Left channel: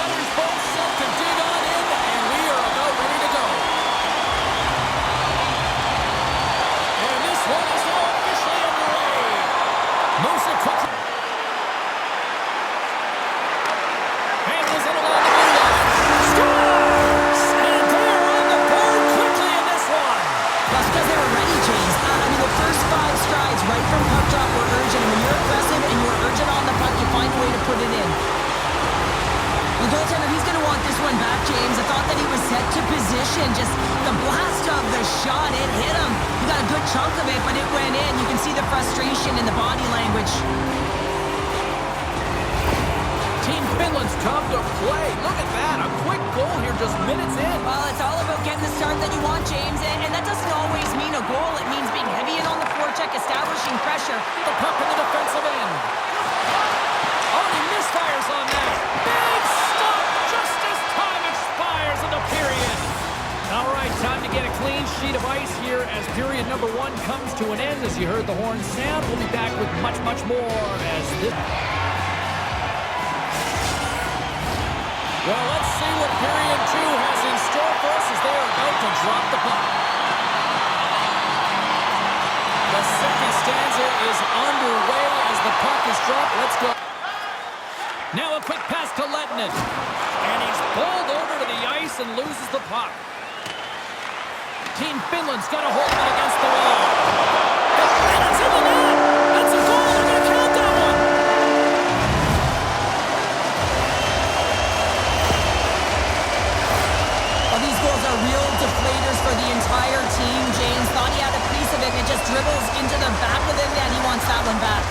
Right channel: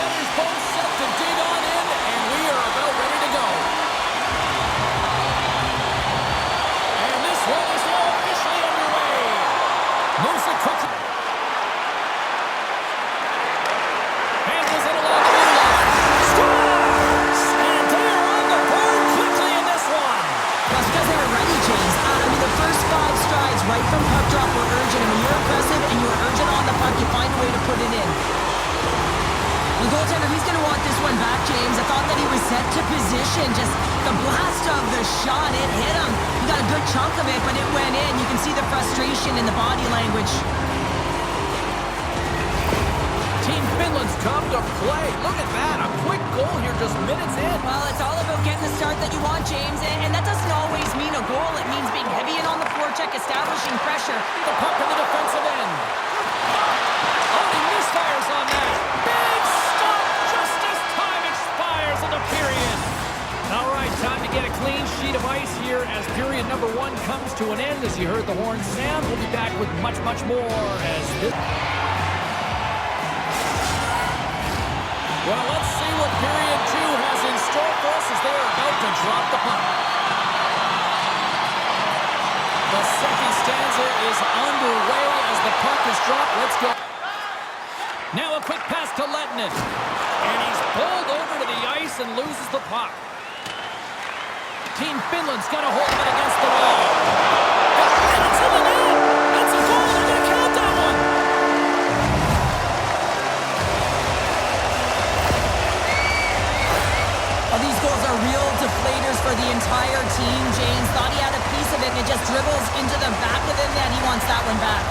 Setters both set to dig on in, and we are about ready to go. And this one is now officially underway. Moves it quickly. Handles it along the blue line. Scores! And they're on the board quickly in this one. That's because they were ready, James. I mean, the first 5 strides right from puck drop were urgent. And when you're aggressive and you're urgent on the puck, you find a way to put it in. The goaltender, he's going to want this one back, James. I thought that he was set to position. Just the blast of the shot, it hit him. He got a good chunk of it, but it went in. You can see the frustration in the body language. Team Finland's come to play. Look at that, a quick goal here just minutes in. Well, it's all about getting the start that you want, James, and that doesn't always mean a goal. It means being heavy in on the forecheck, establishing pressure. The puck in the defensive end. Oh, he misfires on that. Big stop just as time expires in the period. All right, time to get a clean sheet of ice here as period number 1 comes to an end. As you heard the horn sound, we'll be back with much, much more as this... Well, let's see what period 2 has in store for us as they are about to drop the puck. The second stanza is underway as the puck is dropped. Let's go. Now a quick pass to Ledním. And he's bowled over to the ice and loses the puck. Team Finland's got a hold of it against the wall. And it's in the net! That's a goal! They're going to count that one! Well, these goals are real deflators for the entire team. James thought he had a piece of it, and it just dribbles into the back of the net. He wants that one back.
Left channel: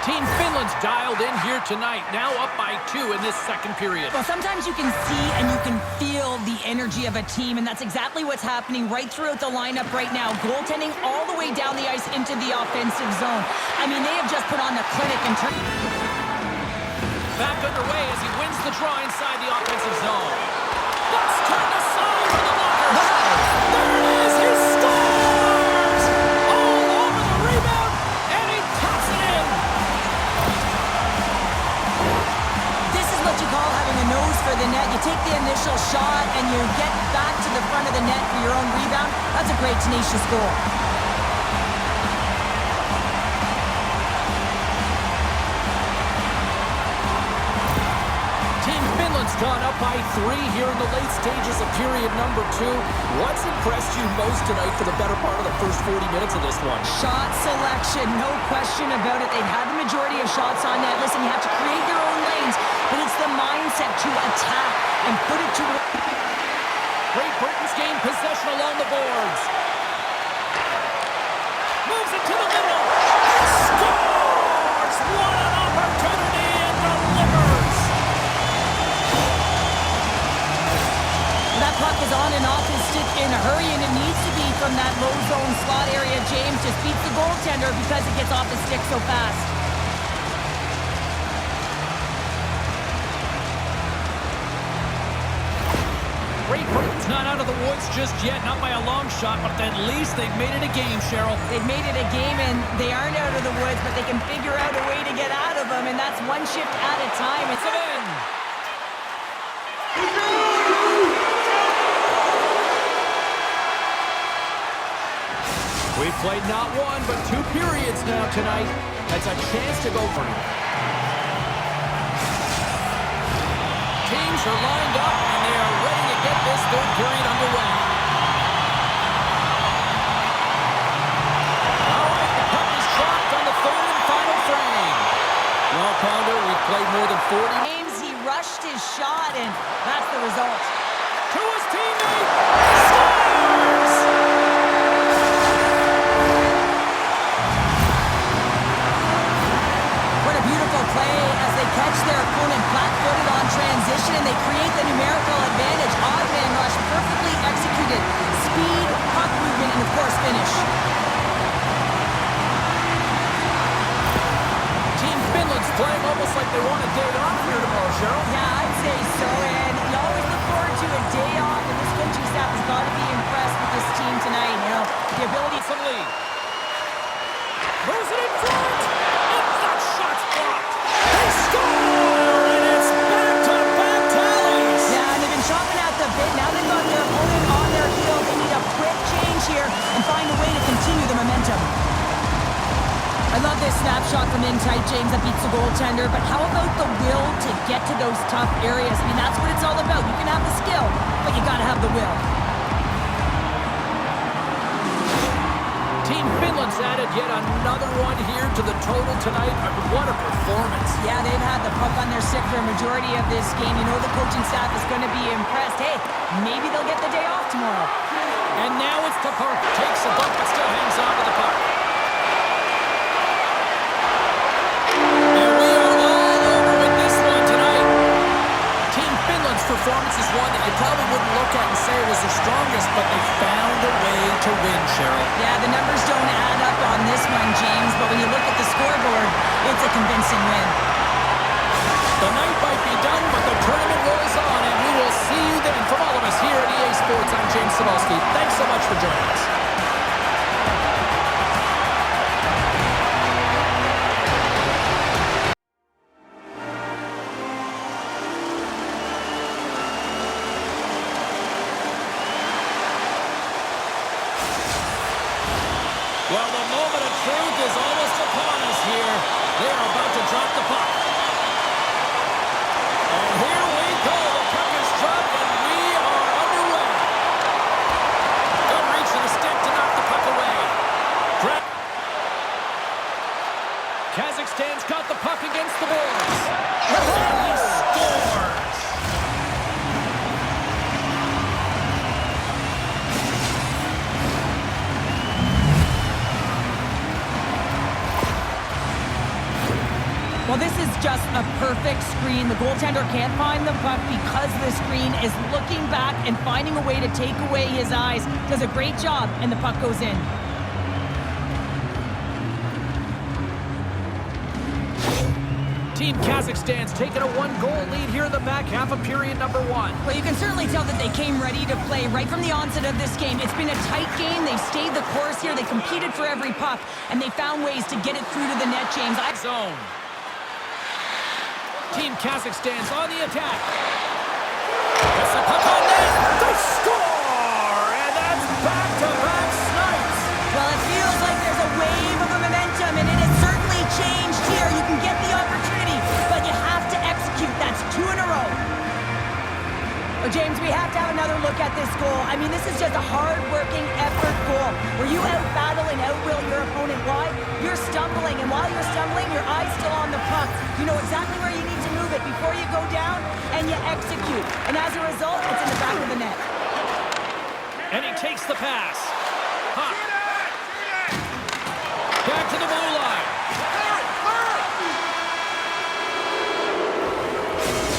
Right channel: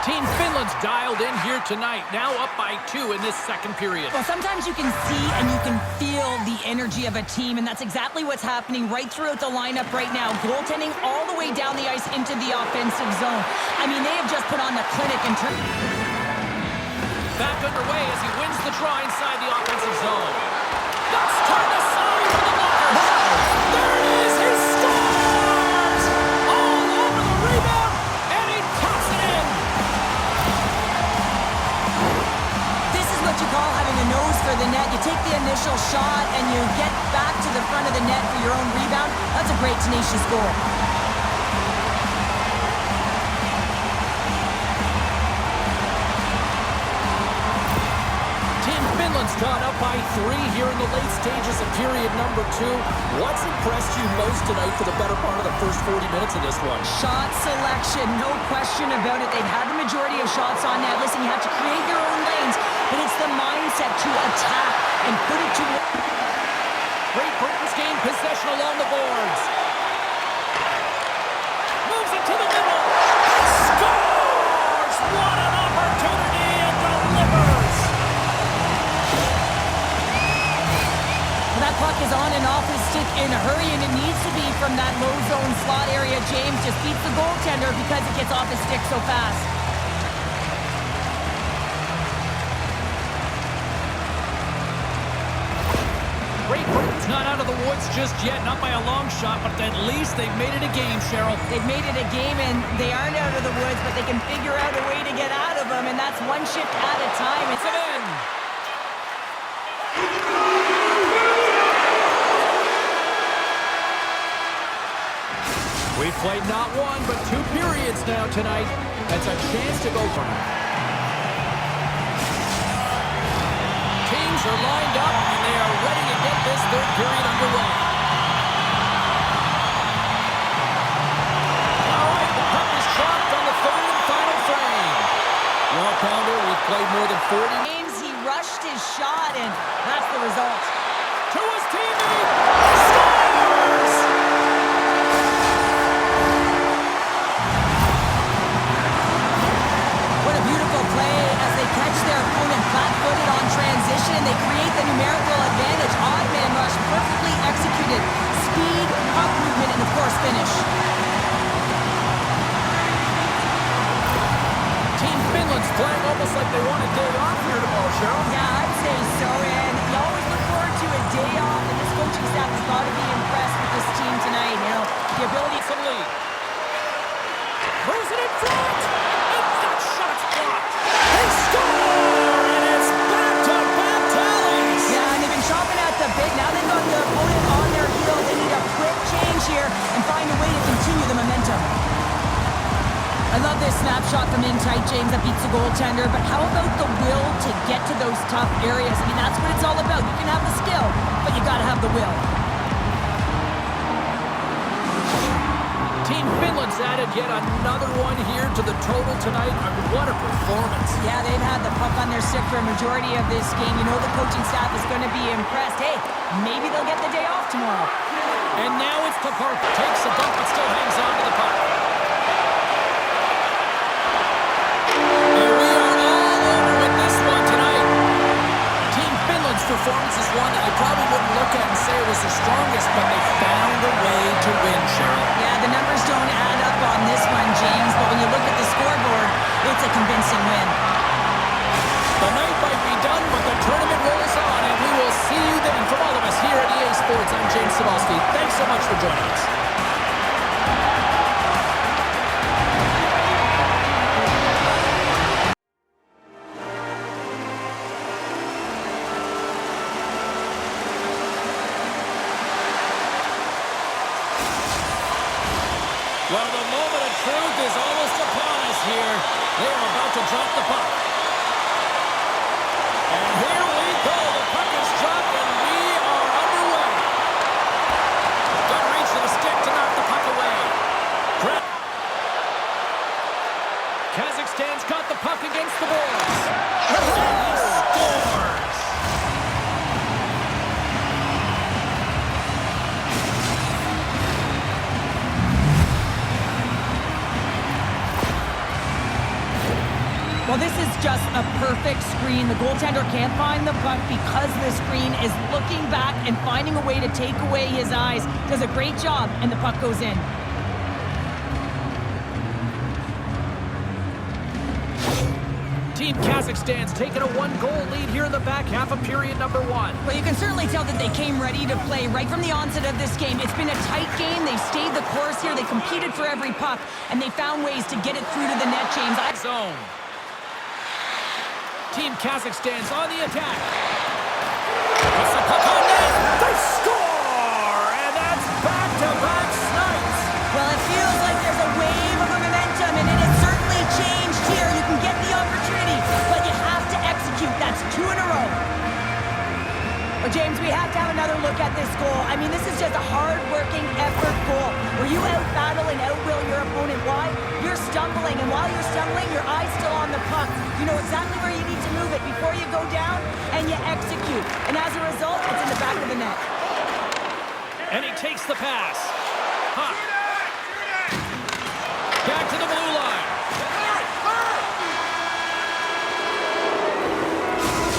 Team Finland's dialed in here tonight, now up by 2 in this second period. Well, sometimes you can see and you can feel the energy of a team, and that's exactly what's happening right throughout the lineup right now. Goaltending all the way down the ice into the offensive zone. I mean, they have just put on the clinic and turn. Back underway as he wins the draw inside the offensive zone. That's turned aside for the blocker. Wow. There it is, he scores! All over the rebound, and he taps it in. What you call having a nose for the net. You take the initial shot and you get back to the front of the net for your own rebound. That's a great, tenacious goal. Team Finland's gone up by 3 here in the late stages of period number 2. What's impressed you most tonight for the better part of the first 40 minutes of this one? Shot selection, no question about it. They've had the majority of shots on net. Listen, you have to create your own lanes, but it's the mindset to attack and put it to... Great Britain's gained possession along the boards. Moves it to the middle. Scores! What an opportunity and delivers! That puck is on and off his stick in a hurry, and it needs to be from that low zone slot area. James just beats the goaltender because it gets off his stick so fast. Great Britain's not out of the woods just yet, not by a long shot, but at least they've made it a game, Cheryl. They've made it a game, and they aren't out of the woods, but they can figure out a way to get out of them, and that's one shift at a time. It's in. We've played not 1, but 2 periods now tonight. That's a chance to go for it. Teams are lined up, and they are ready to get this third period underway. All right, the puck is dropped on the third and final frame. Well, Pounder, we've played more than 40 games. He rushed his shot, and that's the result. To his teammate, scores! What a beautiful play as they catch their opponent flat-footed on transition, and they create the numerical advantage. Odd man rush, perfectly executed. Speed, puck movement, and of course finish. playing almost like they want a day off here tomorrow, Cheryl. Yeah, I'd say so, and you always look forward to a day off, and this coaching staff has got to be impressed with this team tonight. You know, the ability... Some lead. Moves it in front! And that shot's blocked! They score! And it's back-to-back tallies! Yeah, and they've been chopping at the bit. Now they've got their opponent on their heels. They need a quick change here and find a way to continue the momentum. I love this snapshot from in tight, James, that beats the goaltender, but how about the will to get to those tough areas? I mean, that's what it's all about. You can have the skill, but you gotta have the will. Team Finland's added yet another one here to the total tonight. I mean, what a performance. Yeah, they've had the puck on their stick for a majority of this game. You know the coaching staff is going to be impressed. Hey, maybe they'll get the day off tomorrow. And now it's to Park. Takes a bump, but still hangs on to the puck. And we are all over with this one tonight. Team Finland's performance is one that you probably wouldn't look at and say it was their strongest, but they found a way to win, Cheryl. Yeah, the numbers don't add up on this one, James, but when you look at the scoreboard, it's a convincing win. The night might be done, but the tournament rolls on, and we will see you then. From all of us here at EA Sports, I'm James Cybulski. Thanks so much for joining us. Well, the moment of truth is almost upon us here. They are about to drop the puck. And here we go. The puck is dropped, and we are underway. Good reach to the stick to knock the puck away. Kazakhstan's got the puck against the boards. And he scores. Well, this is just a perfect screen. The goaltender can't find the puck because the screen is looking back and finding a way to take away his eyes. Does a great job, and the puck goes in. Team Kazakhstan's taken a one-goal lead here in the back half of period number one. Well, you can certainly tell that they came ready to play right from the onset of this game. It's been a tight game. They've stayed the course here. They competed for every puck, and they found ways to get it through to the net, James. Zone. Team Kazakhstan's on the attack. Puts the puck on net. They score! And that's back-to-back snipes. Well, it feels like there's a wave of momentum, and it has certainly changed here. You can get the opportunity, but you have to execute. That's 2 in a row. Well, James, we have to have another look at this goal. I mean, this is just a hard-working effort goal where you out-battle and out-will your opponent. Why? You're stumbling, and while you're stumbling, your eye's still on the puck. You know exactly where you need to move it before you go down, and you execute. And as a result, it's in the back of the net. And he takes the pass. Huh. Back to the blue line.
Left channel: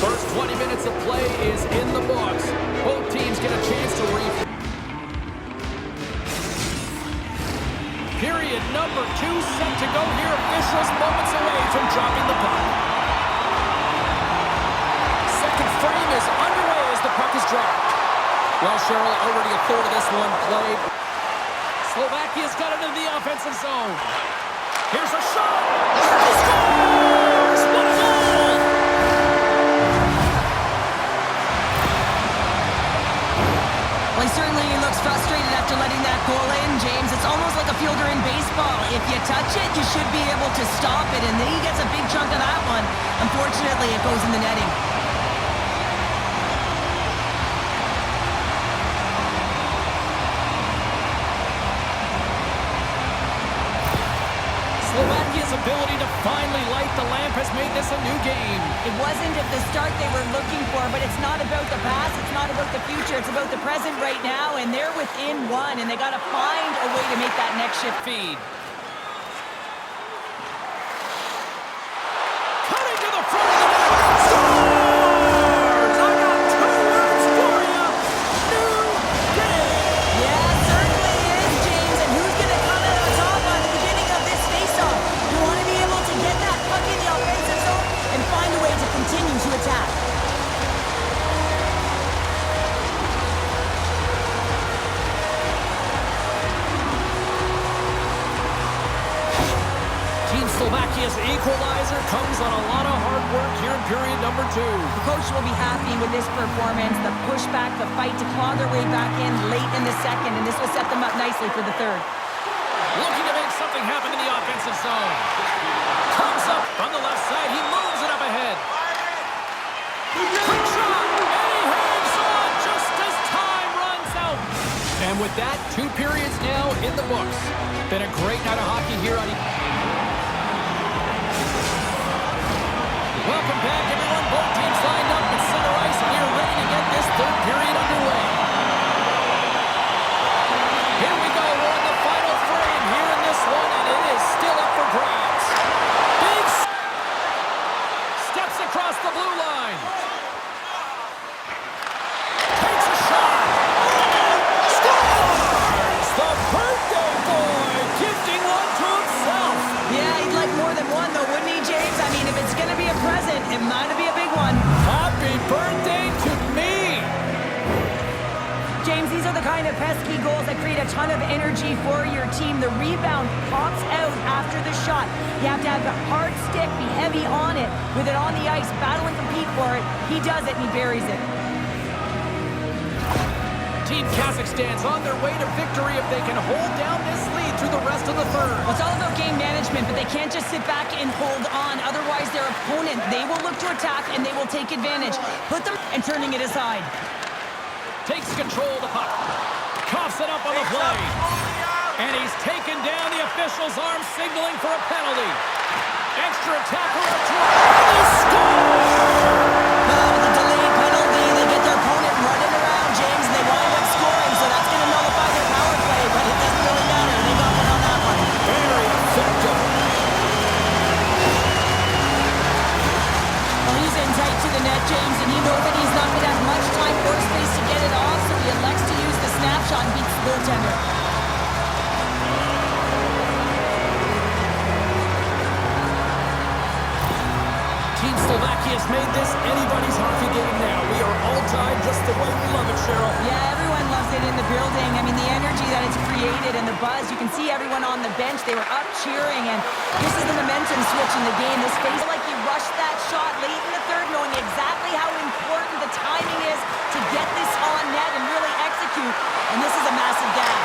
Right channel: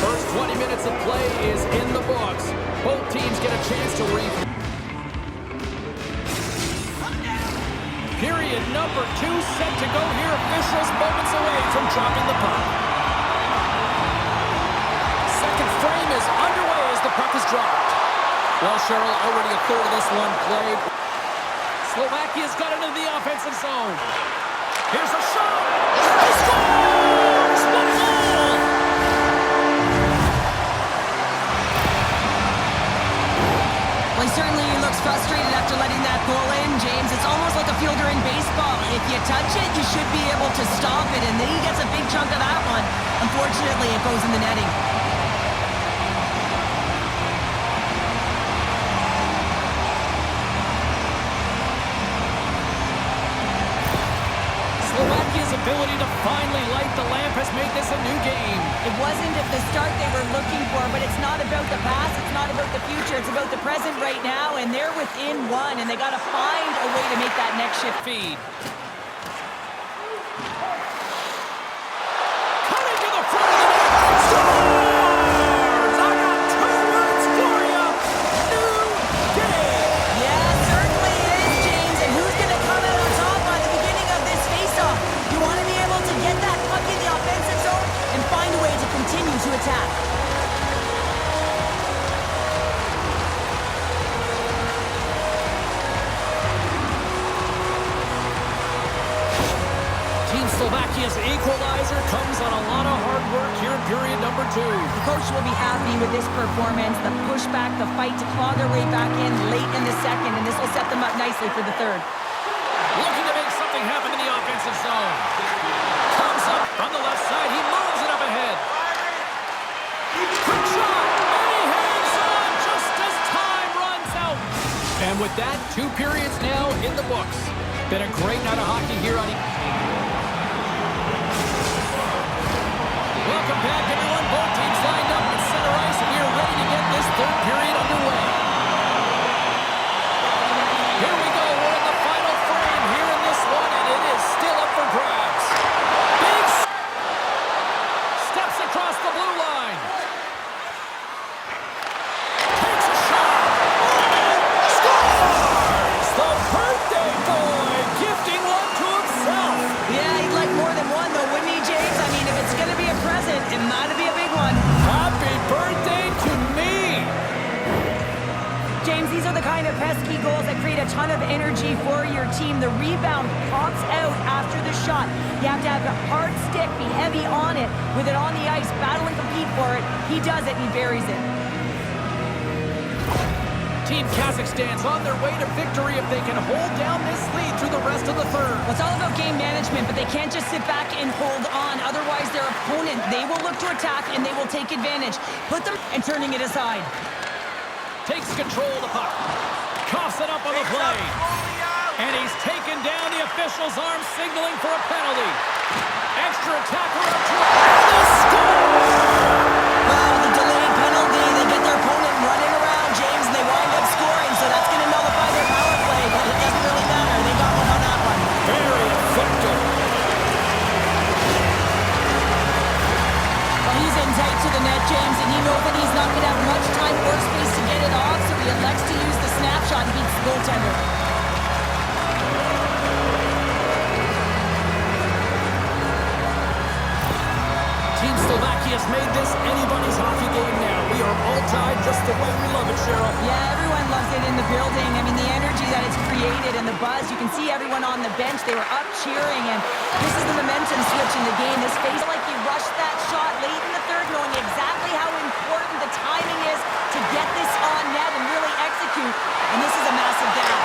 First 20 minutes of play is in the books. Both teams get a chance to Period number 2 set to go here. Officials moments away from dropping the puck. Second frame is underway as the puck is dropped. Well, Cheryl, already a third of this one played. Slovakia's got it into the offensive zone. Here's a shot. He scores! What a goal! Well, he certainly looks frustrated after letting that goal in, James. It's almost like a fielder in baseball. If you touch it, you should be able to stop it, and then he gets a big chunk of that one. Unfortunately, it goes in the netting. Slovakia's ability to finally light the lamp has made this a new game. It wasn't at the start they were looking for, but it's not about the past, it's not about the future, it's about the present right now, and they're within one, and they got to find a way to make that next shift. Feed. Cutting to the front of the net. Scores! I got 2 words for you. New game. Yeah, certainly is, James, and who's going to come out on top on the beginning of this face-off? You want to be able to get that puck in the offensive zone Team Slovakia's equalizer comes on a lot of hard work here in period number 2. The coach will be happy with this performance, the pushback, the fight to claw their way back in late in the second, and this will set them up nicely for the third. Looking to make something happen in the offensive zone. Comes up from the left side. He moves it up ahead. Quick shot, and he hangs on just as time runs out. And with that, 2 periods now in the books. Been a great night of hockey here on... Welcome back, everyone. Both teams lined up at center ice, and we are ready to get this third period underway. Here we go. We're in the final frame here in this one, and it is still up for grabs. Big steps across the blue line. Takes a shot. Scores! The birthday boy gifting one to himself. Yeah, he'd like more than one, though, wouldn't he, James? I mean, if it's going to be a present, it might be a big one. Happy birthday to me. James, these are the kind of pesky goals that create a ton of energy for your team. The rebound pops out after the shot. You have to have a hard stick, be heavy on it, with it on the ice, battle and compete for it. He does it, and he buries it. Team Kazakhstan's on their way to victory if they can hold down this lead through the rest of the third. Well, it's all about game management, but they can't just sit back and hold on. Otherwise, their opponent, they will look to attack, and they will take advantage. Put them and turning it aside. Takes control of the puck. Coughs it up on the play. And he's taken down, the official's arm signaling for a penalty. Extra attacker up to it. They score! Well, with the delayed penalty, they get their opponent running around, James, and they wind up scoring, so that's going to nullify their power play, but it doesn't really matter. They got one on that one. Very effective. Well, he's in tight to the net, James, and he knows that he's not going to have much time or space to get it off, so he elects to use the snapshot and beats the goaltender. Team Slovakia's made this anybody's hockey game now. We are all tied just the way we love it, Cheryl. Yeah, everyone loves it in the building. I mean, the energy that it's created and the buzz. You can see everyone on the bench. They were up cheering, and this is the momentum switch in the game. This face like he rushed that shot late in the third, knowing exactly how important the timing is to get this on net and really execute. And this is a massive gap.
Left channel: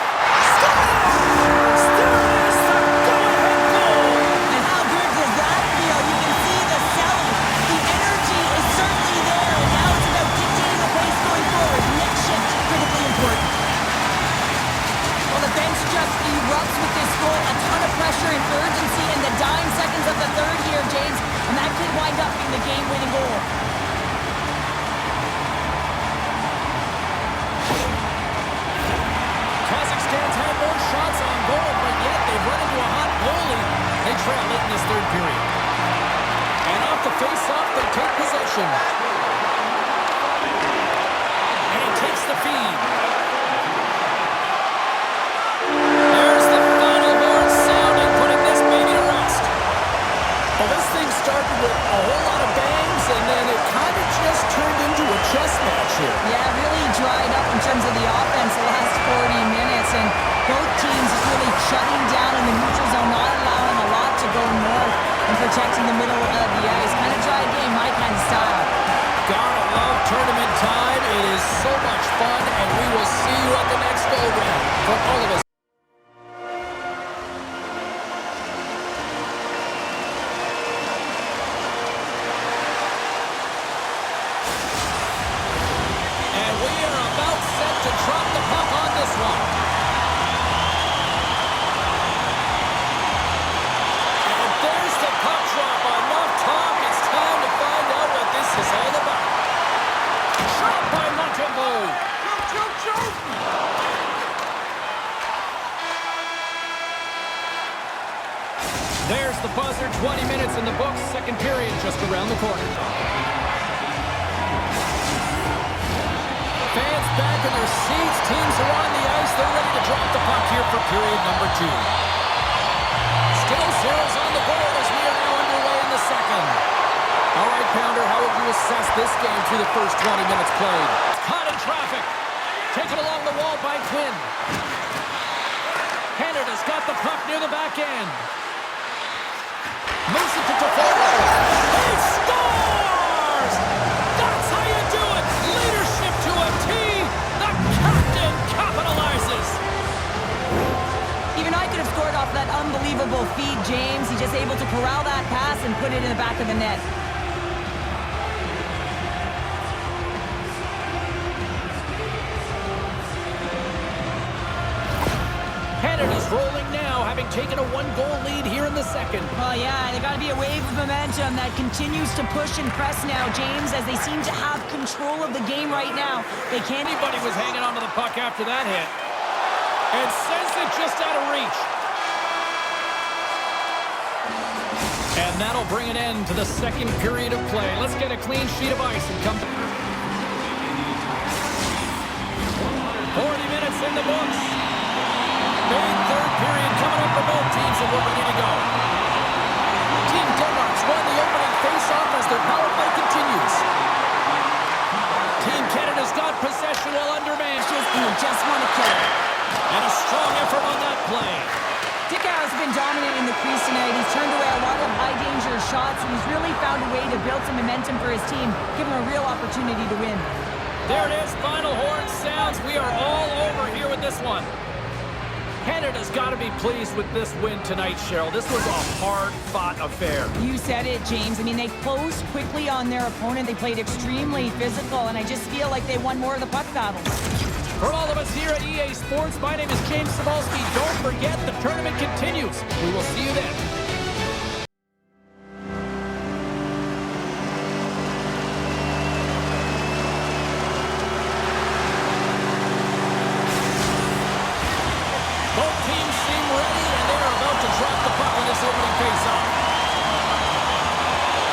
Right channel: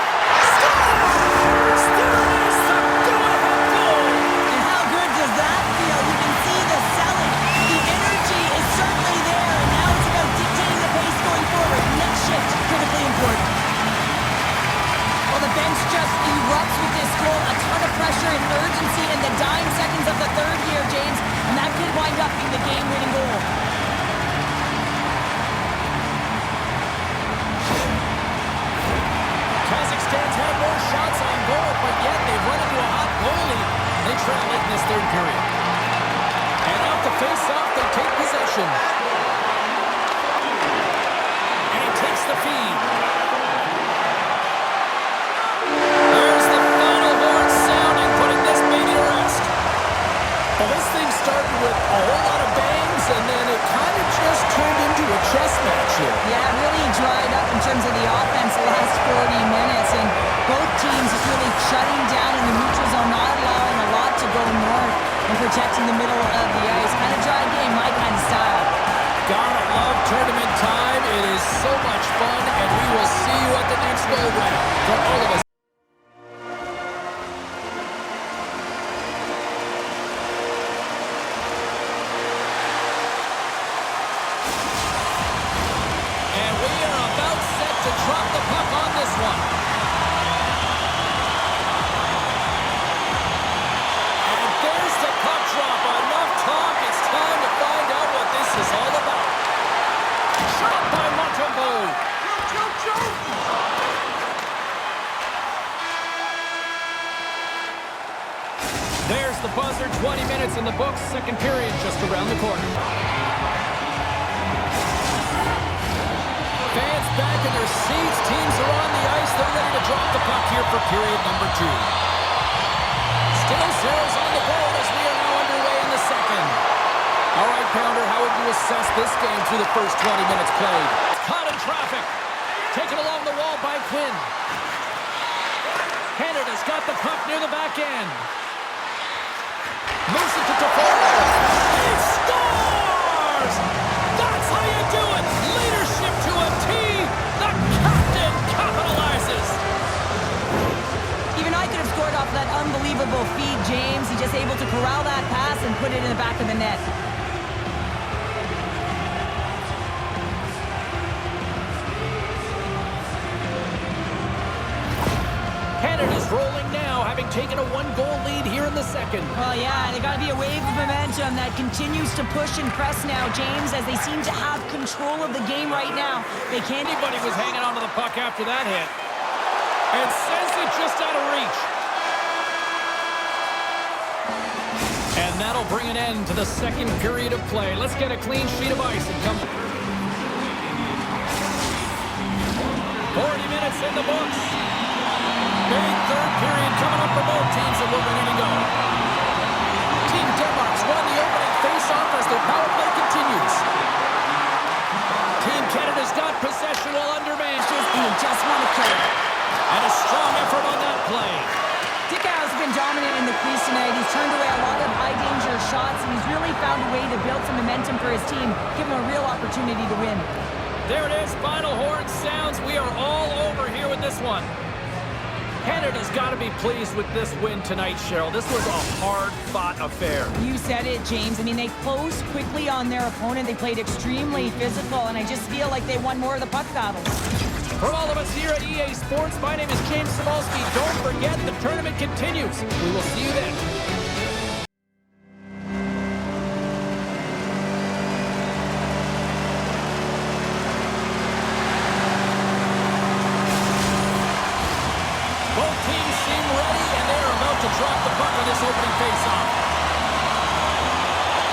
Scores! There it is, the go-ahead goal! And how good does that feel? You can see the selling. The energy is certainly there, and now it's about dictating the pace going forward. Net shift, critically important. Well, the bench just erupts with this goal. A ton of pressure and urgency in the dying seconds of the third here, James, and that could wind up being the game-winning goal. Kazakhstan's had more shots on goal, but yet they've run into a hot goalie. They trail late in this third period. And off the face-off, they take possession. And he takes the feed. There's the final horn sounding, putting this baby to rest. Well, this thing started with a whole lot of bangs, and then it kind of just turned into a chess match here. Yeah, really dried up in terms of the offense the last 40 minutes, and both teams just really shutting down in the neutral zone, not allowing a lot to go north and protecting the middle of the ice. Kind of dry game, my kind of style. Gotta love tournament time. It is so much fun, and we will see you at the next go-round. From all of us. And we are about set to drop the puck on this one. And there's the puck drop. Enough talk. It's time to find out what this is all about. Shot by Montembeau. There's the buzzer. 20 minutes in the books. Second period just around the corner. Fans back in their seats. Teams are on the ice. They're ready to drop the puck here for period number 2. Still zeros on the board as we are now underway in the second. All right, Pounder, how would you assess this game through the first 20 minutes played? Caught in traffic. Taken along the wall by Quinn. Canada's got the puck near the back end. Moves it to Toffoli. He scores! That's how you do it! Leadership to a T! The captain capitalizes! Even I could have scored off that unbelievable feed, James. He's just able to corral that pass and put it in the back of the net. Canada's rolling now, having taken a one-goal lead here in the second. Well, yeah, they got to be a wave of momentum that continues to push and press now, James, as they seem to have control of the game right now. They can't... Anybody was hanging onto the puck after that hit. And sends it just out of reach. And that'll bring an end to the second period of play. Let's get a clean sheet of ice and come... 40 minutes in the books. Big third period coming up for both teams, and we're ready to go. Team Denmark's won the opening face-off as their power play continues. Team Canada's got possession while undermanned. And they just want to kill it. And a strong effort on that play. Dickau's been dominant in the crease tonight. He's turned away a lot of high-danger shots, and he's really found a way to build some momentum for his team, give him a real opportunity to win. There it is. Final horn sounds. We are all over here with this one. Canada's got to be pleased with this win tonight, Cheryl. This was a hard-fought affair. You said it, James. I mean, they closed quickly on their opponent. They played extremely physical, and I just feel like they won more of the puck battles. For all of us here at EA Sports, my name is James Cybulski. Don't forget, the tournament continues. We will see you then. Both teams seem ready, and they are about to drop the puck on this opening faceoff.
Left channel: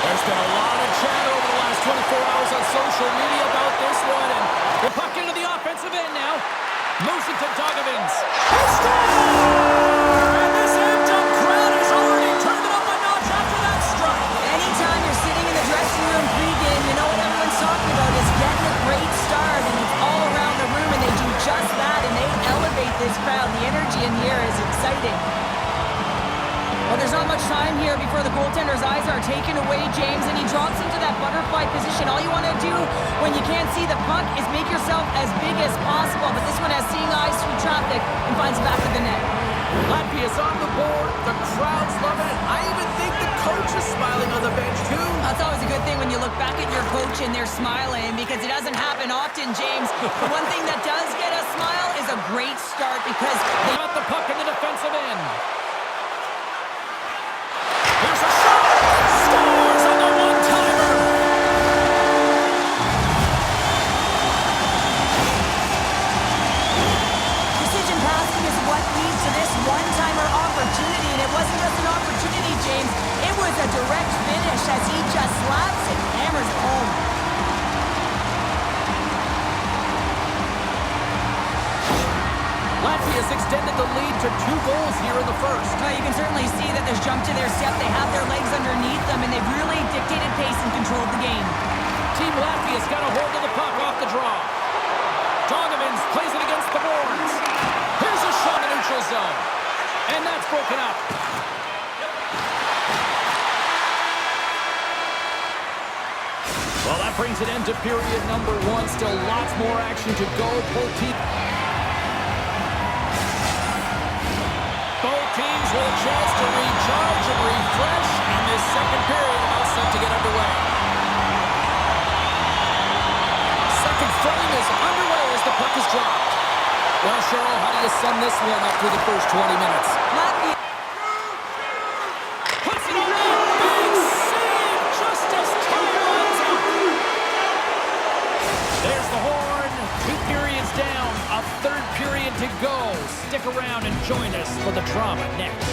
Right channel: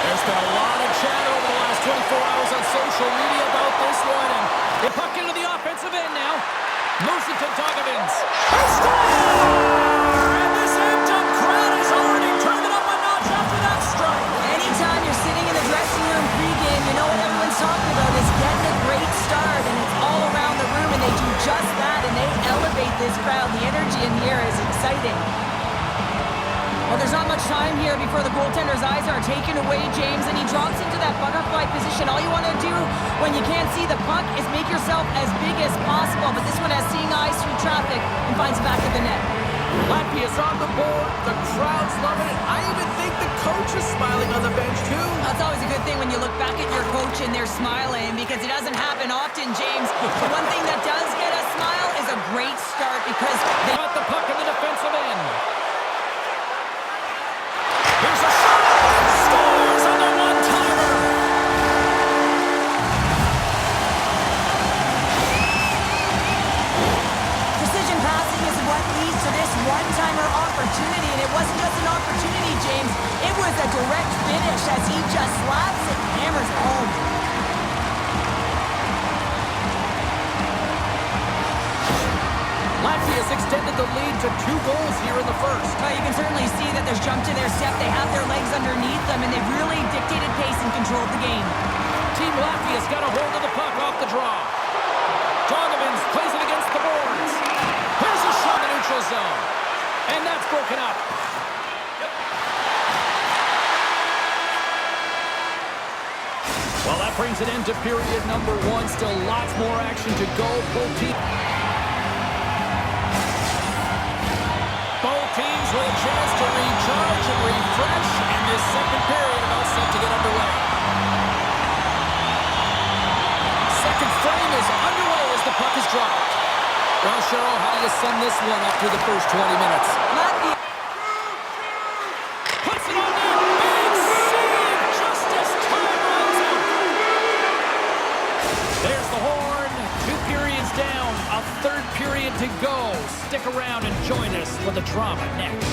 There's been a lot of chatter over the last 24 hours on social media about this one, and the puck into the offensive end now. Moves it to Dogovins. He scores! And this amped-up crowd has already turned it up a notch after that strike. Anytime you're sitting in the dressing room pregame, you know what everyone's talking about is getting a great start, and it's all around the room, and they do just that, and they elevate this crowd. The energy in here is exciting. Well, there's not much time here before the goaltender's eyes are taken away, James, and he drops into that butterfly position. All you want to do when you can't see the puck is make yourself as big as possible, but this one has seeing eyes through traffic and finds the back of the net. Latvia's on the board. The crowd's loving it. I even think the coach is smiling on the bench, too. That's always a good thing when you look back at your coach and they're smiling, because it doesn't happen often, James. The one thing that does get a smile is a great start, because they got the puck in the defensive end. Here's a shot! Scores on the one-timer! Precision passing is what leads to this one-timer opportunity, and it wasn't just an opportunity, James. It was a direct finish as he just slaps it and hammers it home. Latvia's extended the lead to 2 goals here in the first. You can certainly see that there's jump to their step. They have their legs underneath them, and they've really dictated pace and controlled the game. Team Latvia's got a hold of the puck off the draw. Dogovins plays it against the boards. Here's a shot in the neutral zone. And that's broken up. Well, that brings an end to period number 1. Still lots more action to go. Both teams with a chance to recharge and refresh, and this second period about set to get underway. Second frame is underway as the puck is dropped. Well, Cheryl, how do you sum this one up through the first 20 minutes? Latvia puts it on there. Big save just as time runs out. There's the horn. 2 periods down, a third period to go. Stick around and join us for the drama next.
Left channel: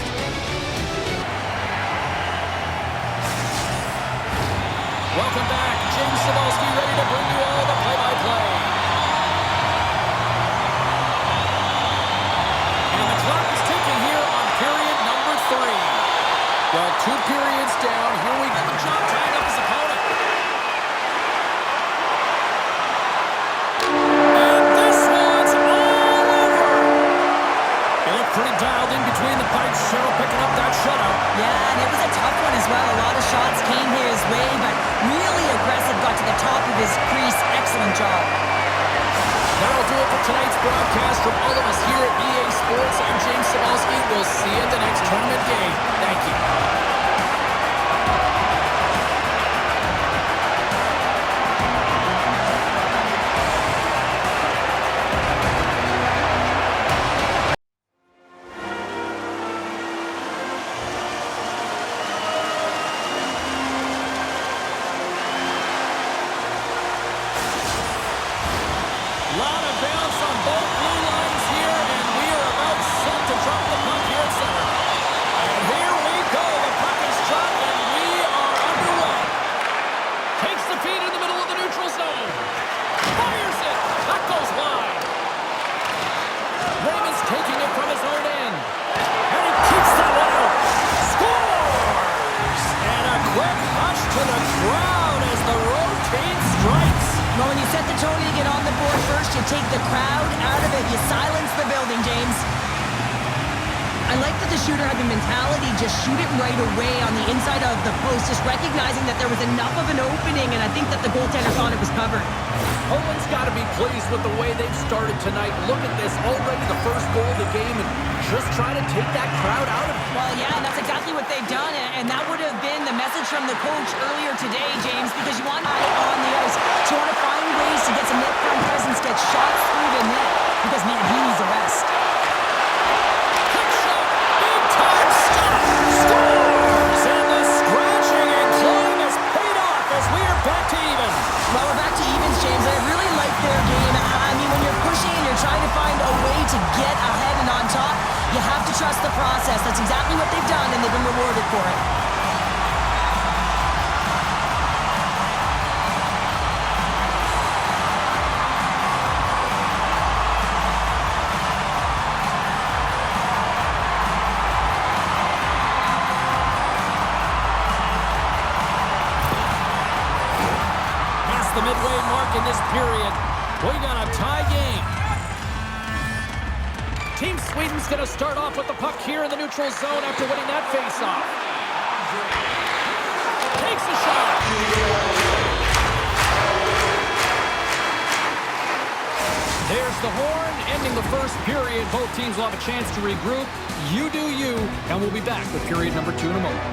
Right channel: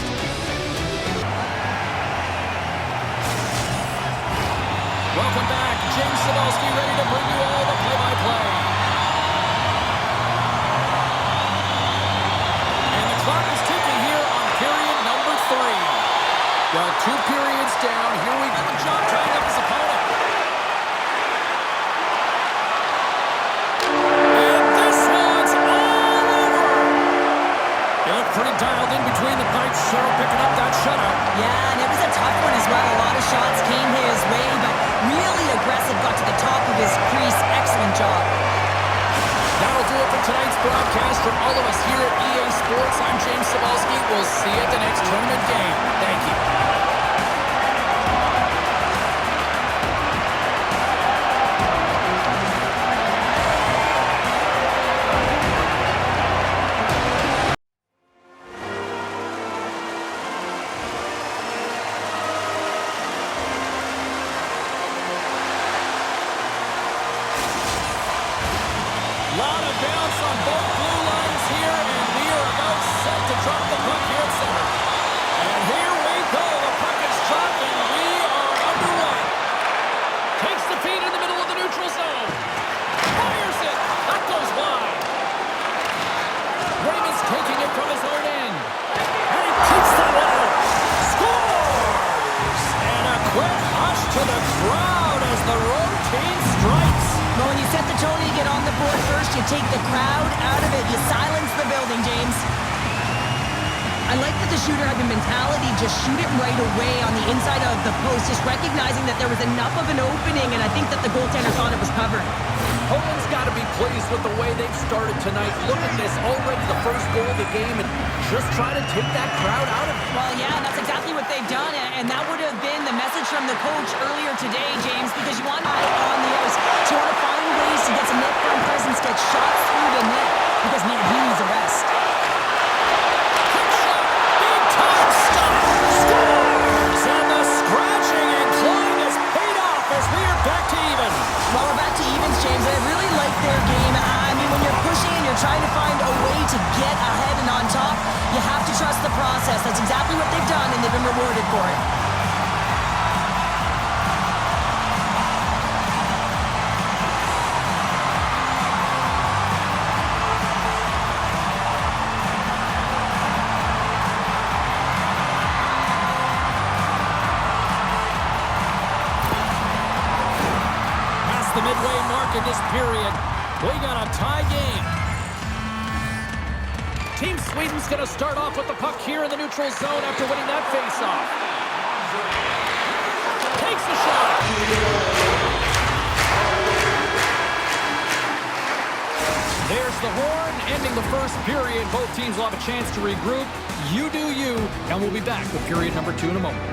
Welcome back. James Cybulski ready to bring you all the play-by-play. And the clock is ticking here on period number 3. Well, 2 periods down. Here we go. John tying up his opponent. Pretty dialed in between the pipes. Cheryl picking up that shutout. Yeah, and it was a tough one as well. A lot of shots came his way, but really aggressive, got to the top of his crease. Excellent job. That'll do it for tonight's broadcast. From all of us here at EA Sports, I'm James Cebulski. We'll see you at the next tournament game. Thank you. Lot of bounce on both blue lines here, and we are about set to drop the puck here at center. And here we go. The puck is dropped, and we are underway. Takes the feed in the middle of the neutral zone. Fires it. That goes wide. Raymond's taking it from his own end. And he keeps that one out. Scores! And a quick hush to the crowd as the road team strikes. Well, when you set the tone to get on the board first, you take the crowd out of it. You silence the building, James. I like that the shooter had the mentality, just shoot it right away on the inside of the post, just recognizing that there was enough of an opening, and I think that the goaltender thought it was covered. Poland's got to be pleased with the way they've started tonight. Look at this, already the first goal of the game, and just try to take that crowd out of it. Well, yeah, and that's exactly what they've done, and that would have been the message from the coach earlier today, James, because you want high on the ice. So you want to find ways to get some net front presence, get shots through the net, because, man, he needs a rest. Quick shot, big time stop, scores! And the scratching and clawing has paid off as we are back to even. Well, we're back to evens, James. I really like their game. I mean, when you're pushing and you're trying to find a way to get ahead and on top, you have to trust the process. That's exactly what they've done, and they've been rewarded for it. Past the midway mark in this period, we got a tie game. Team Sweden's going to start off with the puck here in the neutral zone after winning that faceoff. Takes a shot. There's the horn, ending the first period. Both teams will have a chance to regroup. You do you, and we'll be back with period number 2 in a moment.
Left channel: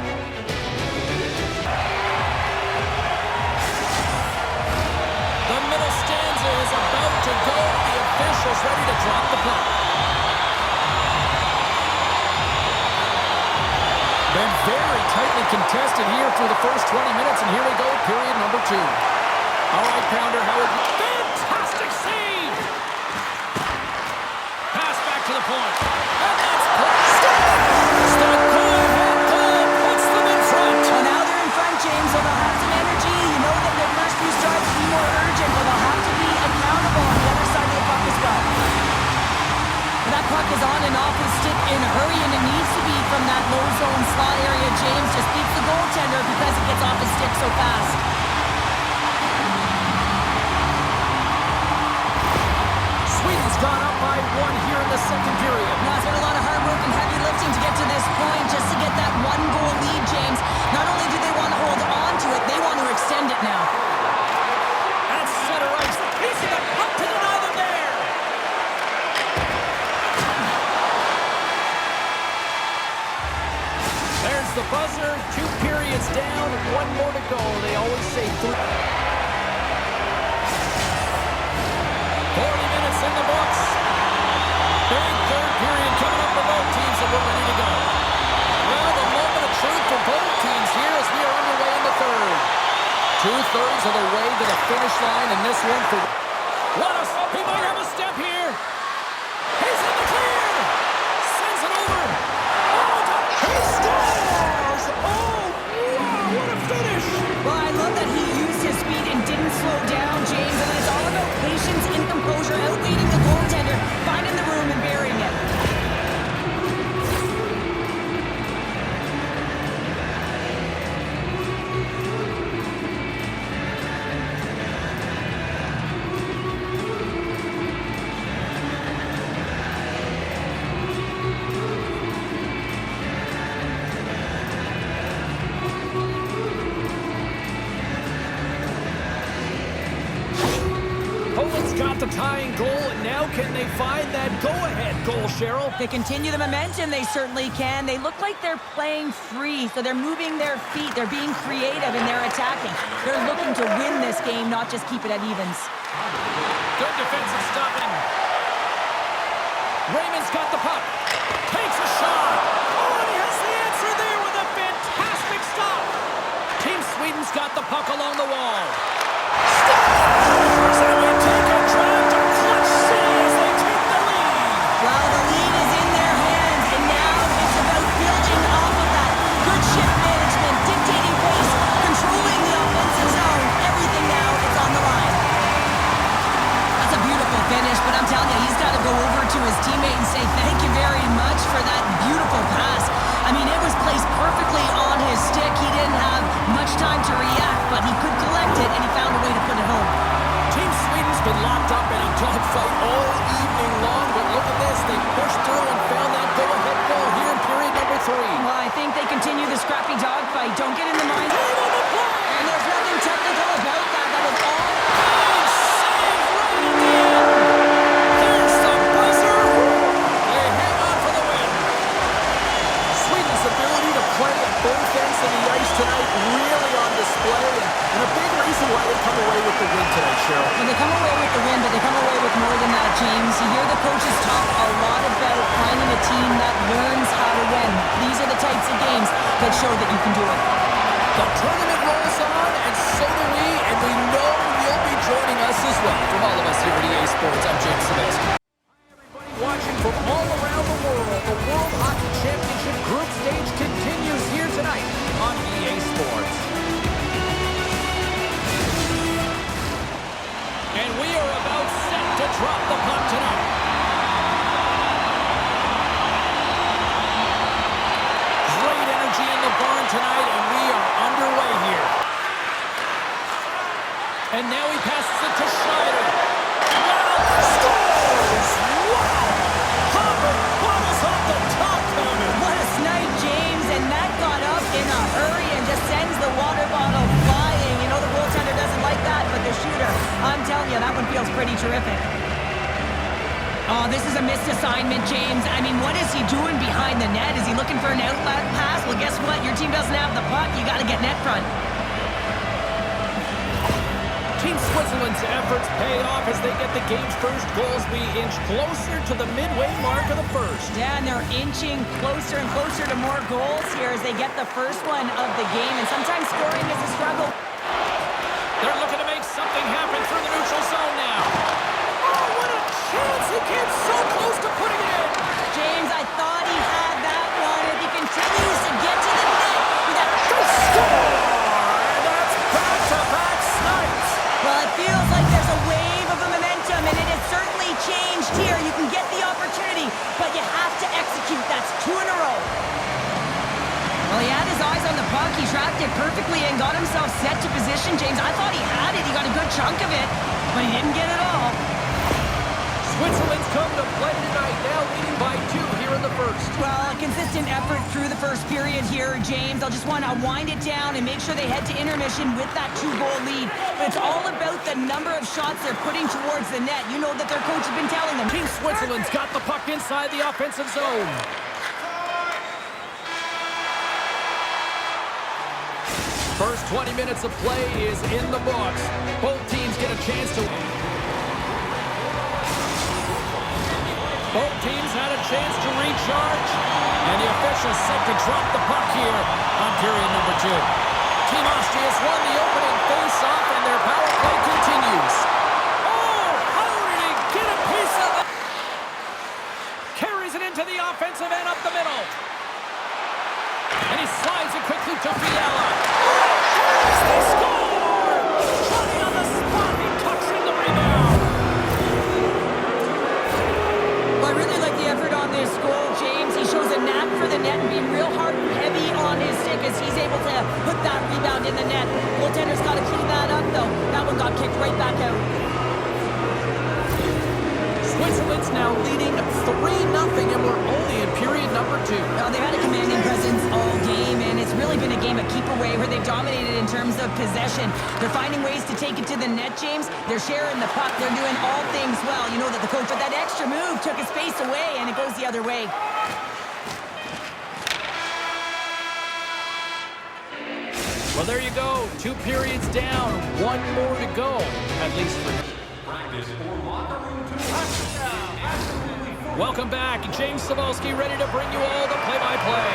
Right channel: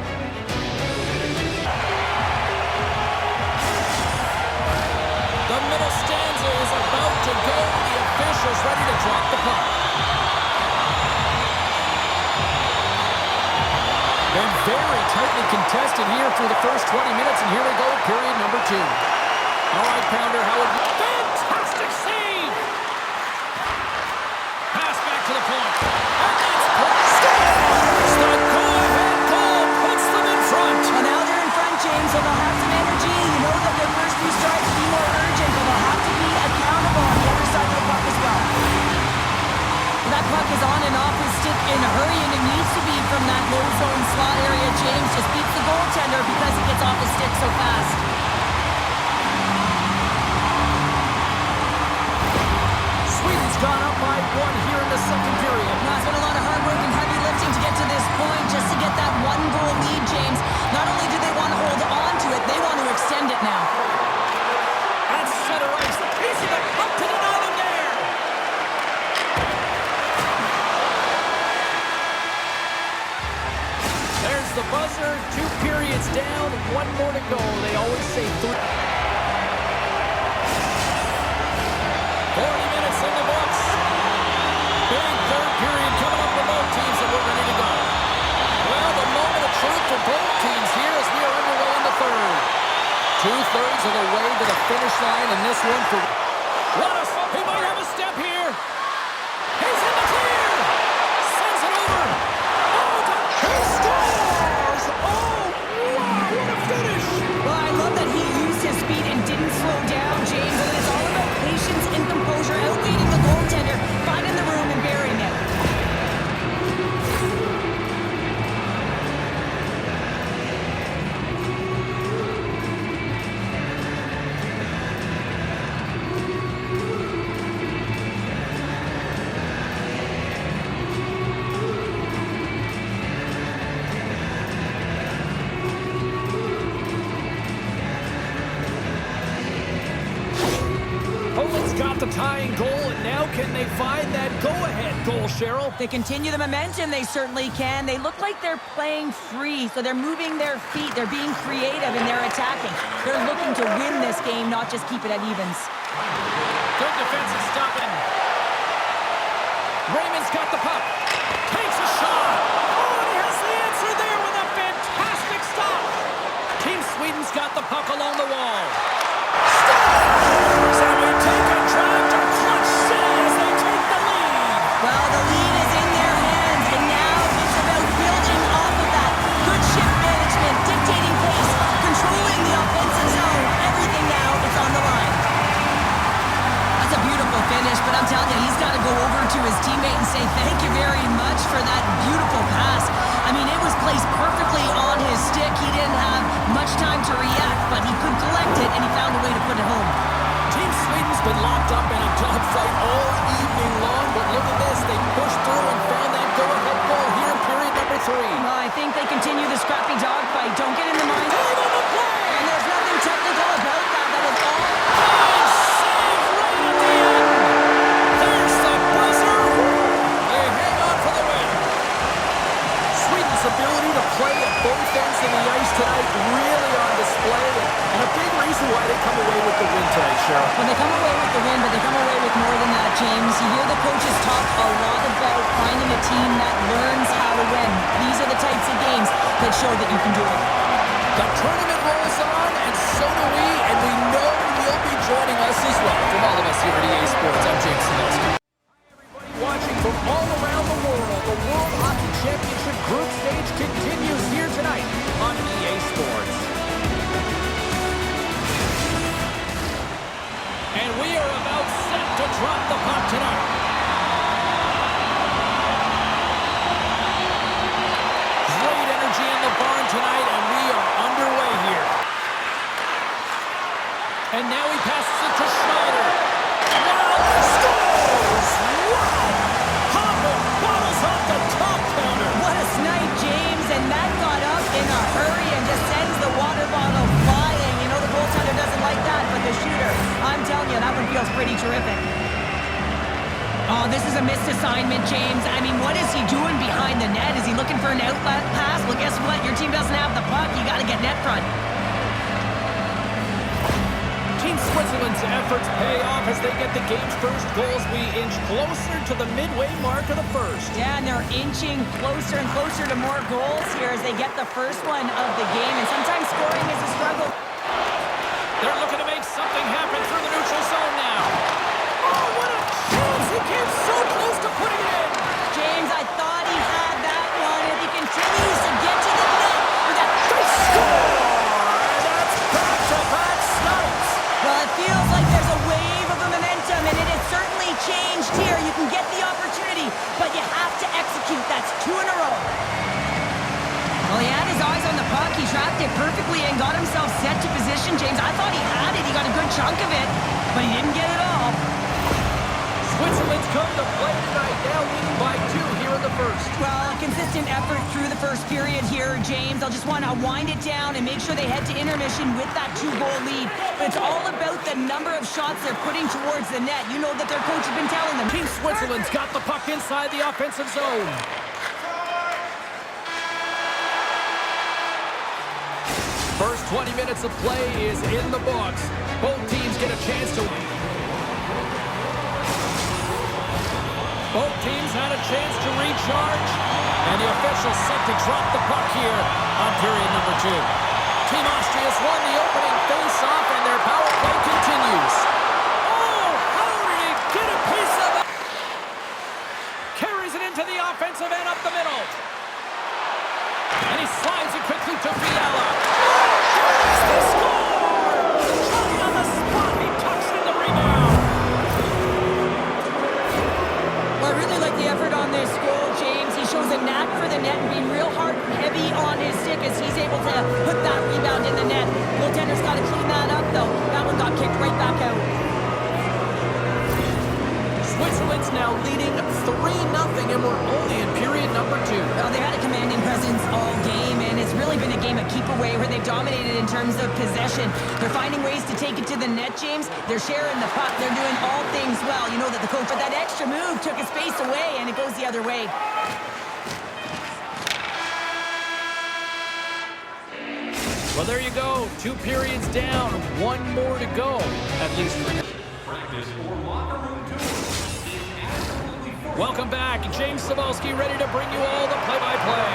The middle stanza is about to go. The officials ready to drop the puck. Been very tightly contested here through the first 20 minutes, and here we go, period number 2. All right, Pounder, how would you... Fantastic save! Pass back to the point. And that's put... Scores! The go-ahead goal puts them in front. Well, now they're in front, James, so they'll have some energy. You know that their first few strikes will be more urgent, but they'll have to be accountable on the other side of the puck as well. That puck is on and off his stick in a hurry, and it needs to be from that low zone slot area. James just beats the goaltender because it gets off his stick so fast. Sweden's gone up by 1 here in the second period. Now, it's been a lot of hard work and heavy lifting to get to this point, just to get that 1-goal lead, James. Not only do they want to hold on to it, they want to extend it now. At center ice, the piece of the puck to deny them there. There's the buzzer. 2 periods down, 1 more to go. They always say 3. 40 minutes in the books. Big third period coming up for both teams, and we're ready to go. Well, the moment of truth for both teams here as we are underway in the third. 2/3 of the way to the finish line, and this one for... He might have a step here. He's in the clear. Sends it over. He scores! Oh, wow, what a finish! Well, I love that he used his speed and didn't slow down, James. And it's all about patience and composure, outweighing the goaltender, finding the room and burying it. got the tying goal, and now can they find that go-ahead goal, Cheryl? They continue the momentum, they certainly can. They look like they're playing free, so they're moving their feet. They're being creative, and they're attacking. They're looking to win this game, not just keep it at evens. Good defensive stopping. Raymond's got the puck. Takes a shot. Oh, and he has the answer there with a fantastic stop. Team Sweden's got the puck along the wall. Scores! And we take a drive to Clutch City as they take the lead. Well, the lead is in their hands, and now it's about building off of that. Good shift management, dictating pace, controlling the offensive zone. Everything now, it's on the line. That's a beautiful finish, but I'm telling you, he's got to go over to his teammate and say thank you very much for that beautiful pass. I mean, it was placed perfectly on his stick. He didn't have much time to react, but he could collect it, and he found a way to put it home. Team Sweden's been locked up in a dogfight all evening long, but look at this. They pushed through and found that go-ahead goal here in period number 3. Well, I think they continue the scrappy dogfight. Don't get in the mind. And there's nothing technical about that. That is all. Big save right at the end. There's the buzzer. They hang on for the win. Sweden's ability to play at both ends of the ice tonight really on display, and a big reason why they come away with the win tonight, Cheryl. Well, they come away with the win, but they come away with more than that, James. You hear the coaches talk a lot about finding a team that learns how to win. These are the types of games that show that you can do it. The tournament rolls on, and so do we, and we know you'll be joining us as well. From all of us here at EA Sports, I'm Jake Sylvester. Watching from all around the world, the World Hockey Championship group stage continues here tonight on EA Sports. And we are about set to drop the puck tonight. Great energy in the barn tonight, and we are underway here. And now he passes it to Schneider. Wow, scores! Wow! Hoppin bottles off the top counter. What a snipe, James, and that got up in a hurry and just sends the water bottle flying. You know the goaltender doesn't like that, but the shooter, I'm telling you, that one feels pretty terrific. Oh, this is a missed assignment, James. I mean, what is he doing behind the net? Is he looking for an outlet pass? Well, guess what? Your team doesn't have the puck. You got to get net front. Team Switzerland's efforts pay off as they get the game's first goals. We inch closer to the midway mark of the first. Yeah, and they're inching closer and closer to more goals here as they get the first one of the game. And sometimes scoring is a struggle. They're looking to make something happen through the neutral zone now. Oh, what a chance! He came so close to putting it in. James, I thought he had that one. If he continues to get to the net with that... They score! And that's back-to-back snipes. Well, it feels like there's a wave of momentum, and it has certainly changed here. You can get the opportunity, but you have to execute. That's 2 in a row. Well, he had his eyes on the puck. He tracked it perfectly and got himself set to position, James. I thought he had it. He got a good chunk of it, but he didn't get it all. Switzerland's come to play tonight, now leading by 2 here in the first. Well, a consistent effort through the first period here, James. I'll just want to wind it down and make sure they head to intermission with that 2-goal lead. But it's all about the number of shots they're putting towards the net. You know that their coach has been telling them. Team Switzerland's got the puck inside the offensive zone. First 20 minutes of play is in the books. Both teams get a chance to win. Both teams had a chance to recharge, and the officials set to drop the puck here on period number 2. Team Austria's won the opening face-off, and their power play continues. Oh, how did he get a piece of it? Carries it into the offensive end up the middle. And he slides it quickly to Fiala. Oh, yes, they score! Johnny on the spot, he tucks in the rebound. Well, I really like the effort on this goal, James. He shows a knack for the net and being real hard and heavy on his stick as he's able to put that rebound in the net. Goaltender's got to clean that up, though. That one got kicked right back out. Switzerland's now leading 3-0, and we're only in period number 2. Well, they've had a commanding presence all game, and it's really been a game of keep away where they've dominated in terms of possession. They're finding ways to take it to the net, James. They're sharing the puck. They're doing all things well. You know that the coach with that extra move took his space away, and it goes the other way. Well, there you go. 2 periods down, 1 more to go, at least for now. Practice or locker room tour. Welcome back. James Cybulski ready to bring you all the play-by-play.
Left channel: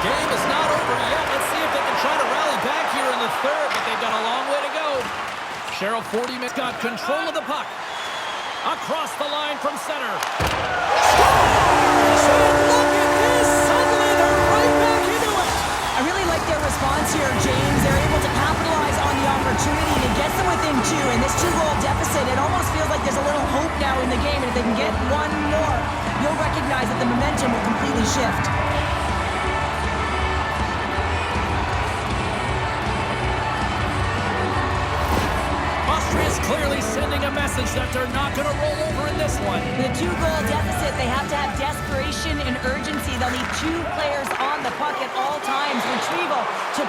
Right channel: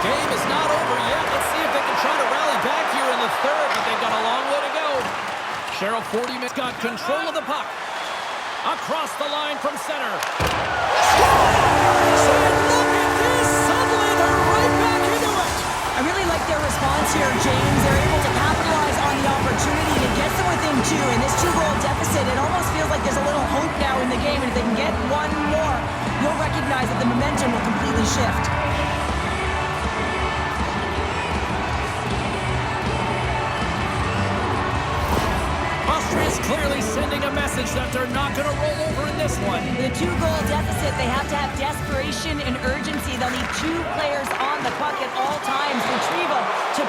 Game is not over yet. Let's see if they can try to rally back here in the third, but they've got a long way to go. Cheryl, 40 minutes, got control of the puck. Across the line from center. Scores! And look at this! Suddenly they're right back into it! I really like their response here, James. They're able to capitalize on the opportunity to get them within 2. And this 2-goal deficit, it almost feels like there's a little hope now in the game. And if they can get 1 more, you'll recognize that the momentum will completely shift. Austria's clearly sending a message that they're not going to roll over in this one. With a 2-goal deficit, they have to have desperation and urgency. They'll need 2 players on the puck at all times. Retrieval to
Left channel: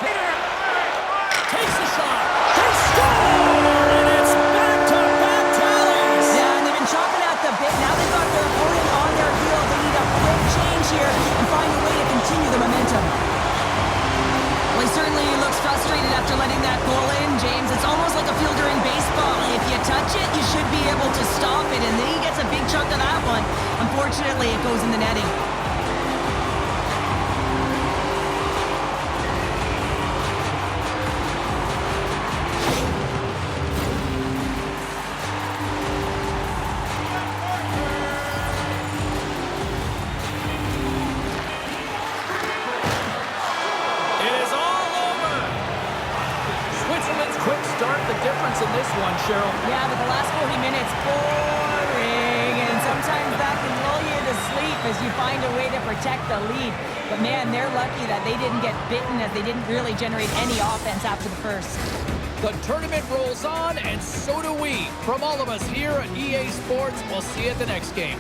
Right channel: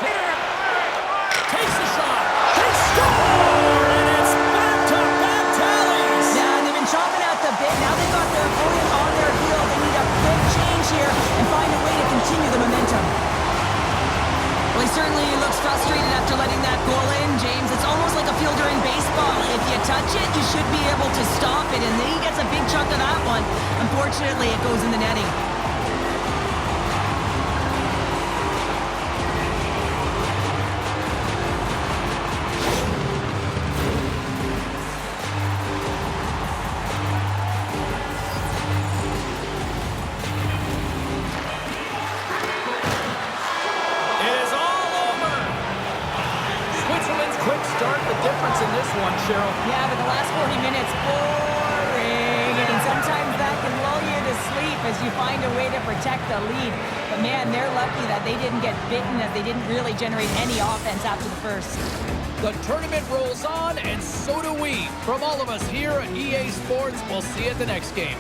takes a shot. They score! And it's back-to-back tallies. Yeah, and they've been chopping at the bit. Now they've got their opponent on their heel. They need a quick change here and find a way to continue the momentum. Well, he certainly looks frustrated after letting that goal in, James. It's almost like a fielder in baseball. If you touch it, you should be able to stop it, and then he gets a big chunk of that one. Unfortunately, it goes in the netting. In this one, Cheryl. Yeah, but the last 40 minutes, boring. And sometimes that can lull you to sleep as you find a way to protect the lead. But man, they're lucky that they didn't get bitten as they didn't really generate any offense after the first. The tournament rolls on, and so do we. From all of us here at EA Sports, we'll see you at the next game.